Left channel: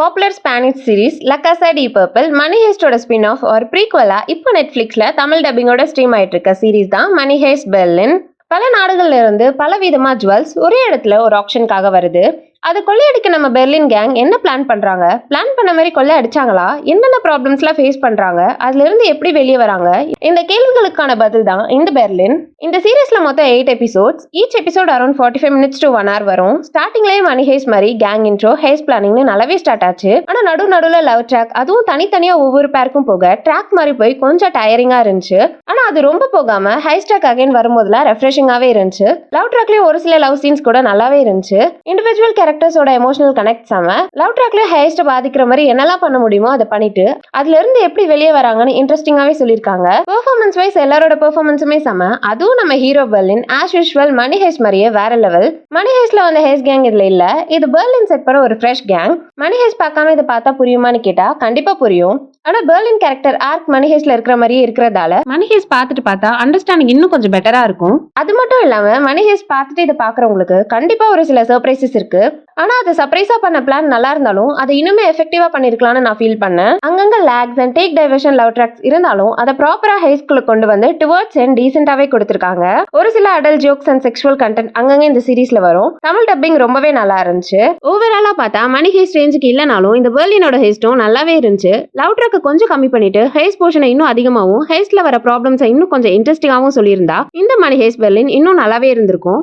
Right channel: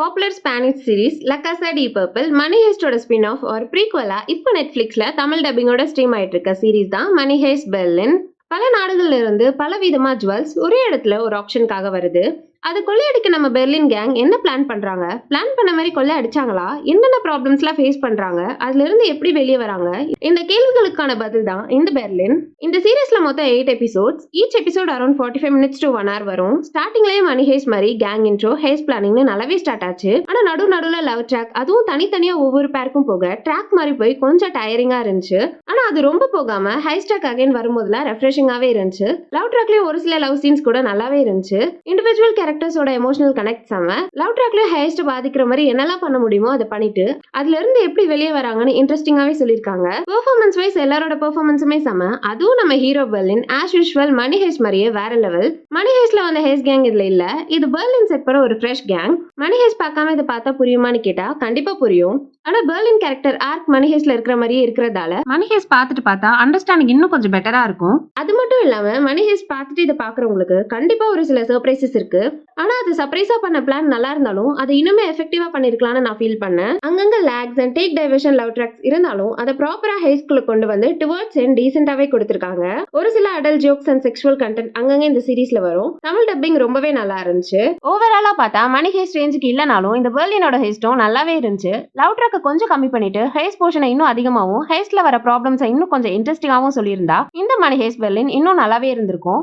Popular Spanish series La Casa de Papel மணி ஹேஸ்டோட spin off ஒரு ப்ரீக்வலா இப்போ நெட்ஃப்ளிக்ஸ்ல Tamil டப்பிங்கோட stream ஆயிட்டு இருக்க சீரிஸ் தான் மணி ஹேஸ்ட் பெர்லின். பல நாடுகள்ல இருந்து பல விதமா ஜுவல்ஸ் ஒரே இடத்துல ஒரு ஆப்ஷனுக்காக வருது. அது கொள்ளையடிக்க நம்ம பெர்லின் கேங் என்ன பிளான் பண்றாங்க, பிளான் பண்ண மாதிரி கொள்ளை அடிச்சாங்களா, என்னென்ன ப்ராப்ளம்ஸ்லாம் ஃபேஸ் பண்றாங்க, அதுல இருந்து எப்படி வெளியே வராங்க, இந்த கேள்விகளுக்கான பதில் தான் இந்த பெர்லின். இந்த சீரீஸ்ல மொத்தம் 8 episodes. Each episode around 45 minutes to 1 hour வரும். ஸ்டார்டிங்லேயே மணி ஹேஸ் மாதிரி கேங் இன்ட்ரோ, ஹேஸ் பிளானிங்னு நல்லாவே ஸ்டார்ட் ஆச்சு. ஆனா நடுவில் லவ் ட்ராக், அதுவும் தனித்தனியா ஒவ்வொரு பேருக்கும் போக ட்ராக் மாதிரி போய் கொஞ்சம் டயரிங்கா இருந்துச்சு. ஆனா அது ரொம்ப போகாம ஹைஸ் ட்ராக் அகைன் வரும்போதுலாம் ரெஃப்ரெஷிங்காவே இருந்துச்சு. லவ் ட்ராக்லயும் ஒரு சில லவ் சீன்ஸ் கூட நல்லாவே இருந்துச்சு. இண்டிவிஜுவல் கேரக்டர்ஸோட எமோஷனல் கனெக்ட் செம. லவ் ட்ராக்ல ஹைஸ்ட் பாதிக்கிற மாதிரி என்னெல்லாம் பண்ண முடியுமோ அதை பண்ணிட்டு அதுல இருந்து எப்படி வெளியே வராங்கன்னு இன்ட்ரெஸ்டிங்காவே சொல்லியிருக்காங்க. பெர்ஃபார்மன்ஸ் வைஸ் எல்லாரோட பெர்ஃபார்மன்ஸுமே செம. அதுவும் நம்ம hero Berlin as usual money heist மாதிரியே வேற லெவல். மணி ஹேஸ்ல வந்த ஹேஸ் கேங் இதுல இல்ல, இது பெர்லின் செட் பண்ண ஒரு ஃப்ரெஷ் கேங். மணி ஹேஸ் பார்க்காம இதை பார்த்தா புரியுமான்னு கேட்டா கண்டிப்பா புரியும். ஆனா பெர்லின் கேரக்டர் ஆர்க் மணி ஹேஸ்ல இருக்கிற மாதிரியே இருக்கிறதால மணி ஹேஸ் பார்த்துட்டு பார்த்தா அண்டர்ஸ்டாண்டிங் இன்னும் கொஞ்சம் பெட்டரா இருக்கும். அது மட்டும் இல்லாம மணி ஹேஸ் பார்த்துட்டு இதை பாக்குறவங்களுக்கு கண்டிப்பா ஒரு சில சர்ப்ரைசஸ் இருக்கு. ஆனா அது சர்ப்ரைஸா பண்ண பிளான் நல்லா இருந்தாலும் அதை இன்னுமே எஃபெக்டிவா பண்ணிருக்கலாம்னு நான் ஃபீல் பண்ணேன். அங்கங்க lags and take diversion love tracks இருந்தாலும் அதை ப்ராப்பரா ஹைஸ்குள்ள கொண்டு வந்து டுவர்ட்ஸ் அண்ட் டீசென்டாவே கொடுத்திருக்காங்க. ஒரு சில adult jokes and sexual content அங்கங்க இந்த சீரீஸ்ல வரும். தமிழ் டப்பிங் ரொம்பவே நல்லா இருந்துச்சு. ஓவராலா பார்த்தா மணி ஹேஸ்ட் ரேஞ்சுக்கு இல்லைனாலும் இந்த பெர்லினோட ஹேஸ்டும் நல்லாவே இருந்துச்சு. லவ் ட்ராக் கொஞ்சம் கம்மி பண்ணிட்டு ஹேஸ் போர்ஷனை இன்னும் அதிகமாகவும் ஹேஸ்ட்ல வர ப்ராப்ளம்ஸை இன்னும் கொஞ்சம் இன்ட்ரெஸ்டிங்காகவும் சொல்லியிருந்தா இந்த மணி ஹேஸ்ட் பெர்லின் இன்னும் நல்லாவே இருந்திருக்கும்.